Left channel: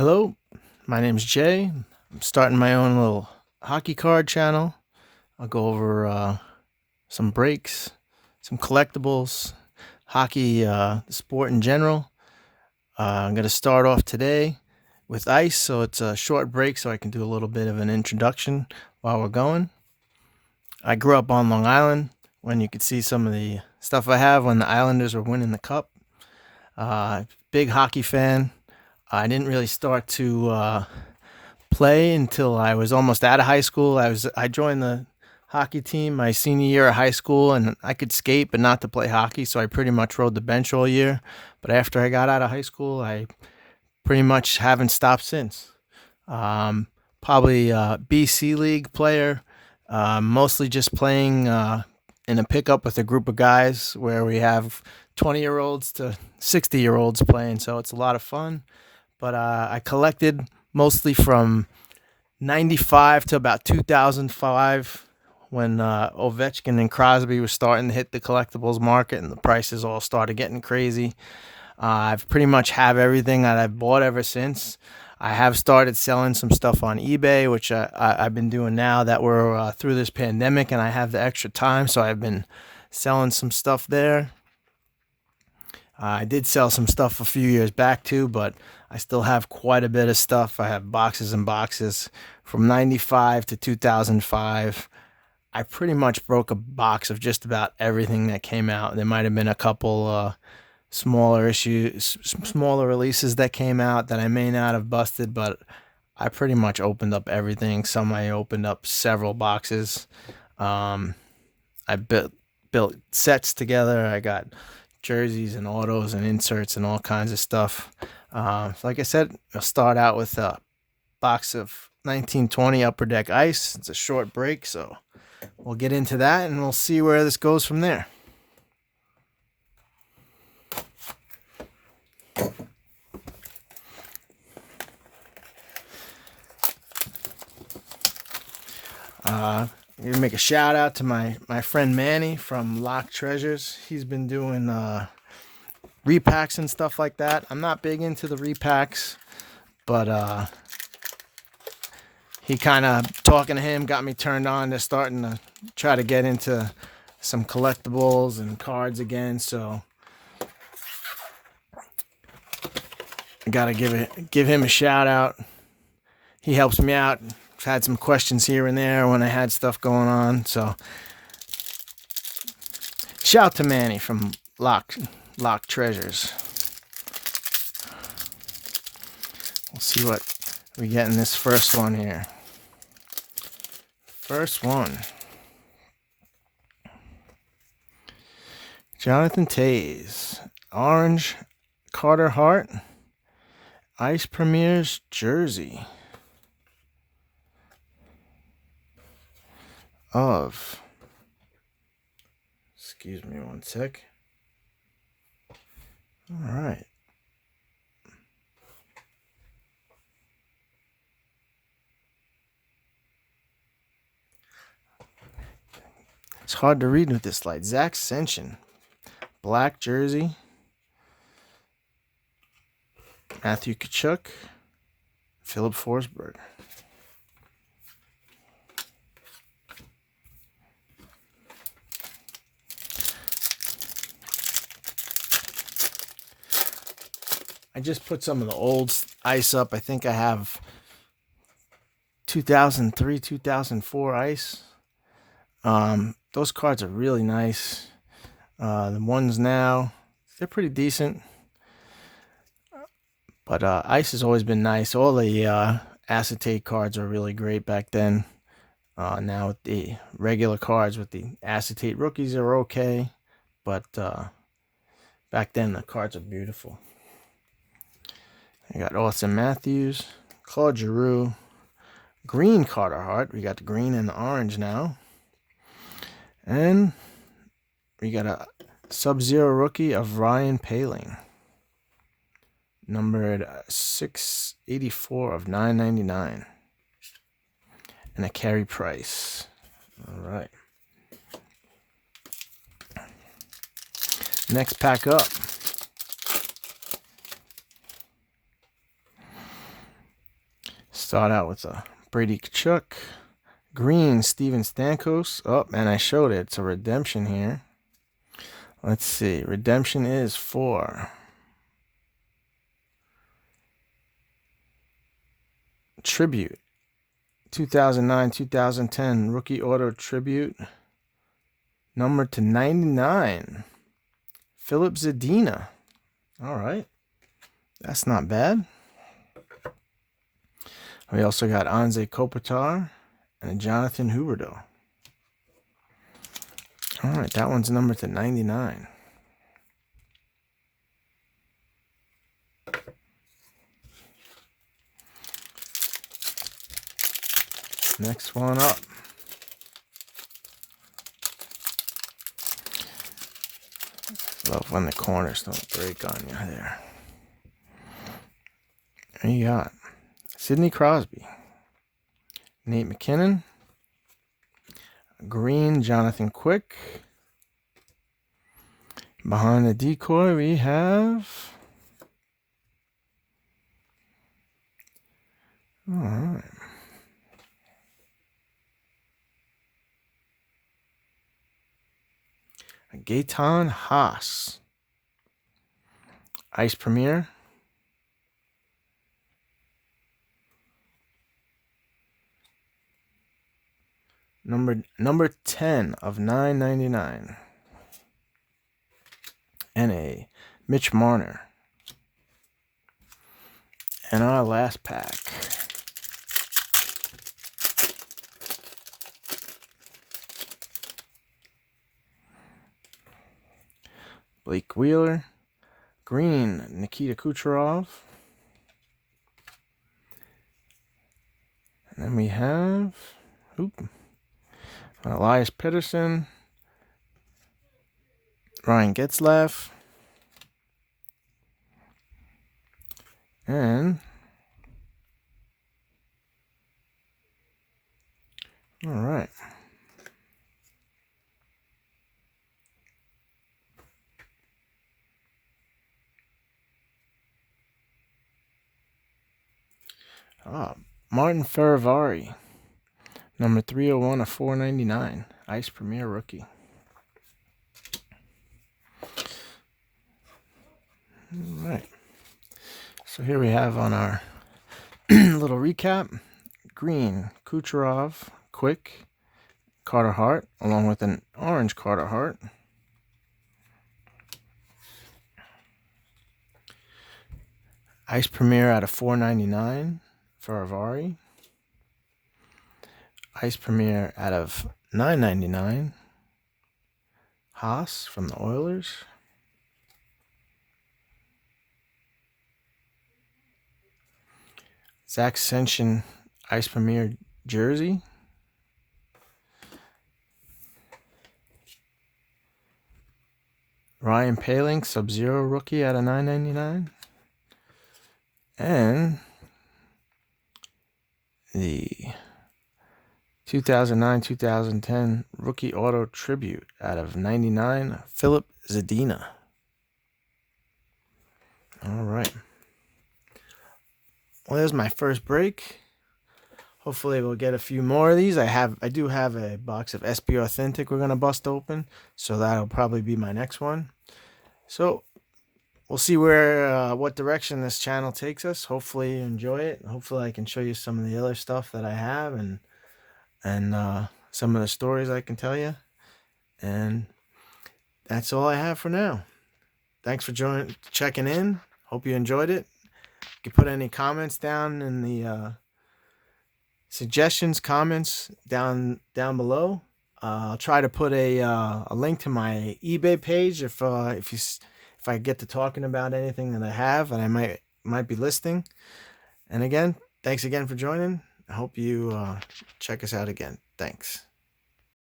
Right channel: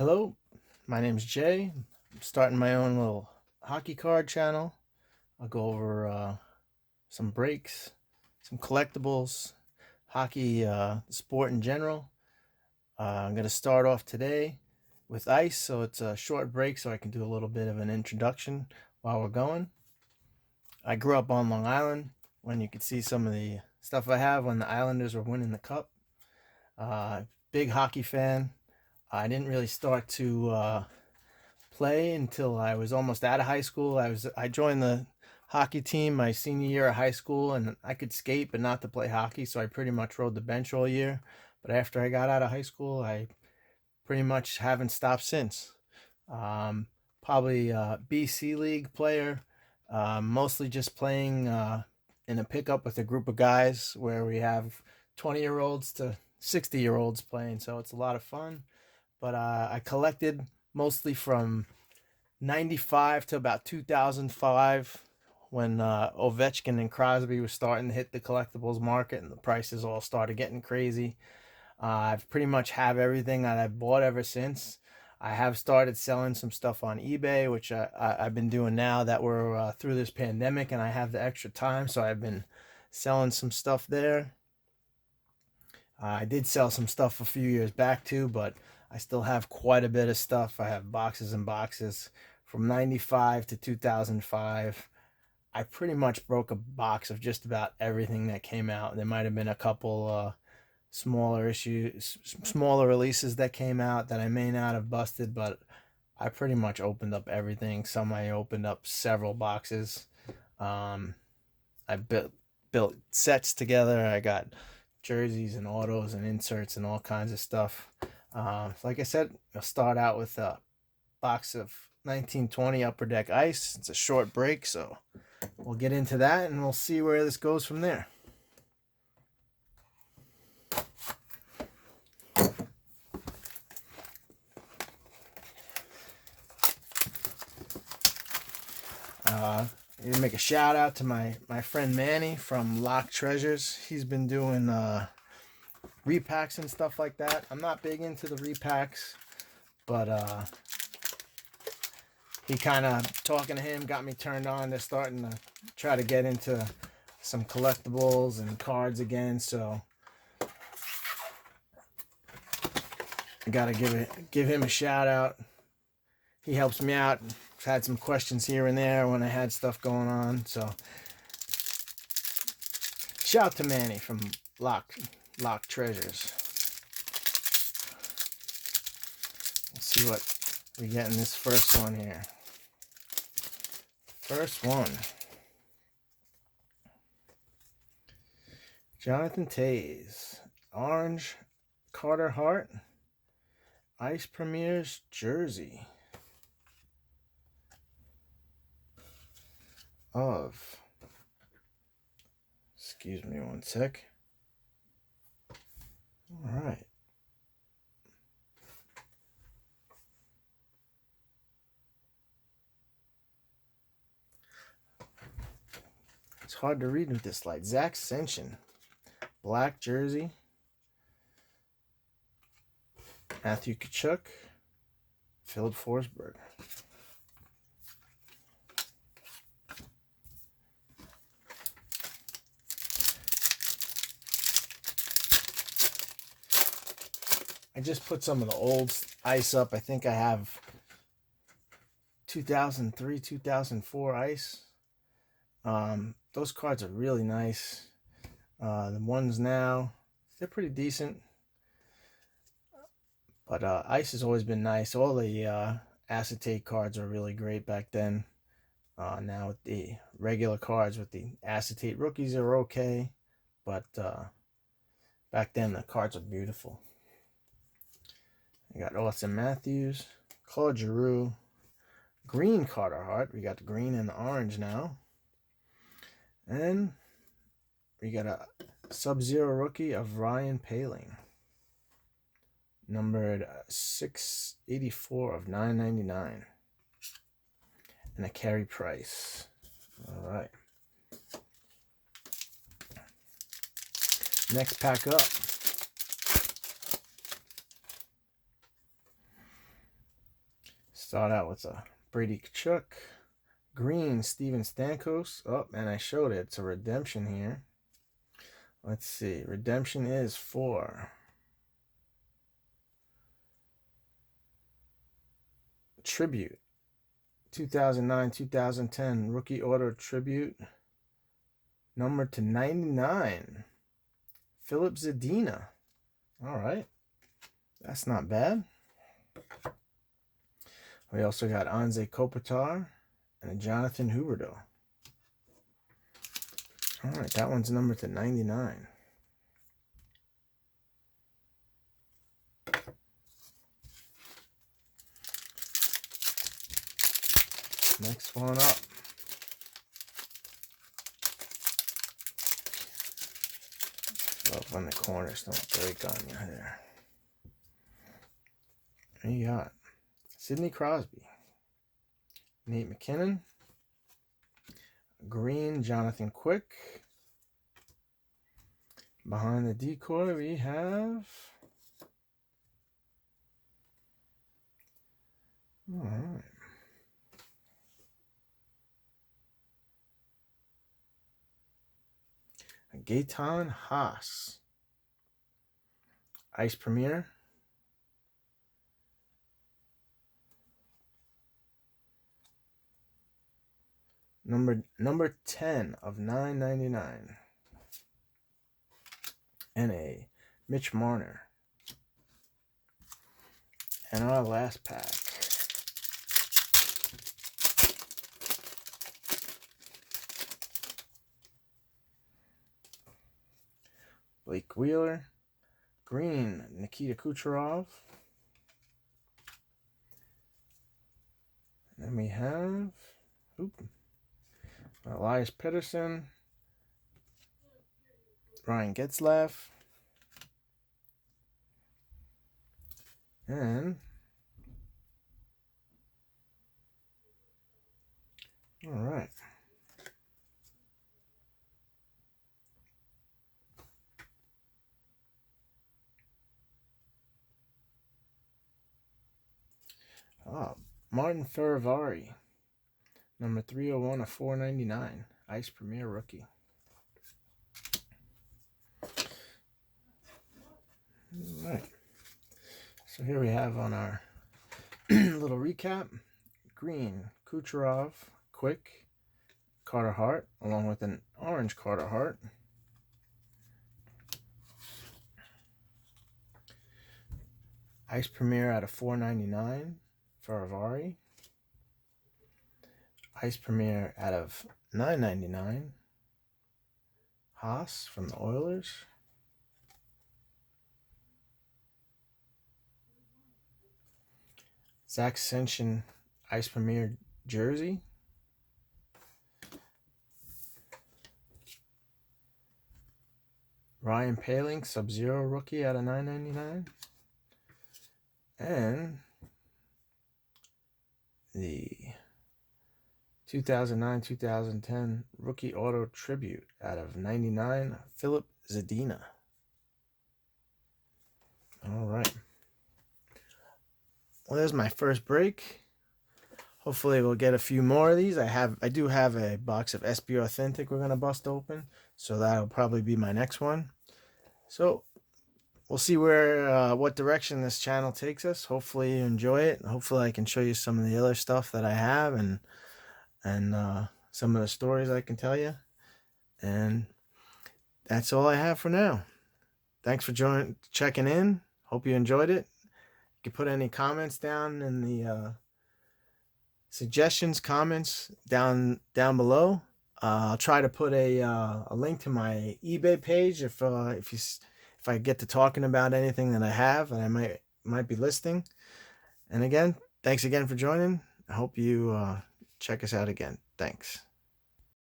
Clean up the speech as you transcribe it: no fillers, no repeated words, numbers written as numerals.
Hello, my name's Jay. I'm starting my own little hockey card channel. I'll go over some breaks, some collectibles, hockey, the sport in general. I'm going to start off today with ice, so it's a short break so I can do a little bit of an introduction while we're going. I grew up on Long Island when you could see some of the stuff I have when the Islanders were winning the cup. Big hockey fan. I didn't really start to play until I was almost out of high school. I joined the hockey team my senior year of high school, and I could skate but not to play hockey, so I pretty much rode the bench all year. But after I got out of high school, I pretty much haven't stopped since. Probably BC League player, mostly just playing in a pickup with a group of guys where we have 20-year-olds to 60-year-olds playing, so it's a lot of fun. But I collected mostly from 95 to about 2005 when Ovechkin and Crosby were starting to hit the collectibles market and the prices all started getting crazy. I've pretty much have everything that I've bought ever since. I have started selling some stuff on eBay, which I've been doing now that we're through this pandemic and I have the extra time, so I've been selling some stuff there. I did sell some stuff a few years back too, but I still have quite a bit of stuff. I have boxes and boxes from 95 to 2005. I pretty much broke a box of just about everything that came out. There might have been a couple smaller releases that came out that I may not have busted, but I pretty much opened up everything. Some I opened up several boxes. I built sets together. I got jerseys and autos and inserts and all kinds of stuff. Like I said, I'll start out with a box of 1920 Upper Deck Ice. It's a short break, so we'll get into that and we'll see where this goes from there. I'm going to make a shout out to my friend Manny from Lock Treasures. He's been doing repacks and stuff like that. I'm not big into the repacks, but he kind of, talking to him got me turned on to starting to try to get into some collectibles and cards again. So I gotta give him a shout out. He helps me out. I've had some questions here and there when I had stuff going on. So shout out to Manny from Lock Treasures. We'll see what we get in this first one here. First one. Jonathan Toews. Orange Carter Hart. Ice Premier's jersey. Of. Excuse me one sec. All right. It's hard to read with this light. Zach Sension. Black jersey. Matthew Tkachuk. Philip Forsberg. I just put some of the old ice up. I think I have 2003, 2004 ice. Those cards are really nice. The ones now, they're pretty decent. But ice has always been nice. All the acetate cards are really great back then. Now with the regular cards with the acetate rookies are okay. But back then the cards are beautiful. I got Austin Matthews, Claude Giroux, green Carter Hart. We got the green and the orange now. And we got a Sub-Zero rookie of Ryan Poehling. Numbered 684 of 999. And a Carey Price. All right. Next pack up. Start out with a Brady Kachuk. Green, Steven Stamkos. Oh, and I showed it. It's a redemption here. Let's see. Redemption is for Tribute. 2009-2010 Rookie Auto Tribute. Number to 99. Philip Zadina. All right. That's not bad. We also got Anze Kopitar and a Jonathan Huberdeau. All right, that one's numbered to 99. Next one up. Love when the corners don't break on you there. There you got Sidney Crosby, Nate McKinnon, green Jonathan Quick. Behind the decoy we have, all right, Gaetan Haas, Ice Premier. Number 10 of 999. And a Mitch Marner. And our last pack. Blake Wheeler. Green, Nikita Kucherov. And then we have Elias Pettersson, Ryan Getzlaf, and all right. Martin Ferravari, number 301 of 499, Ice Premier Rookie. All right. So here we have on our little recap, green Kucherov, Quick, Carter Hart, along with an orange Carter Hart. Ice Premier out of 499 for Avari. Ice Premier out of 999 Haas from the Oilers. Zach Sension Ice Premier jersey. Ryan Poehling Sub-Zero rookie out of 999. And the 2009-2010 Rookie Auto Tribute out of 99, Philip Zadina. All right. Well, there's my first break. Hopefully we'll get a few more of these. I do have a box of SB Authentic we're going to bust open, so that'll probably be my next one. So we'll see where what direction this channel takes us. Hopefully you enjoy it. Hopefully I can show you some of the other stuff that I have and some of the stories I can tell you. And that's all I have for now. Thanks for checking in. Hope you enjoyed it. You can put any comments down in the suggestions, comments down below. I'll try to put a link to my eBay page if I get to talking about anything that I have and I might be listing. And again, thanks again for joining. I hope you check us out again. Thanks.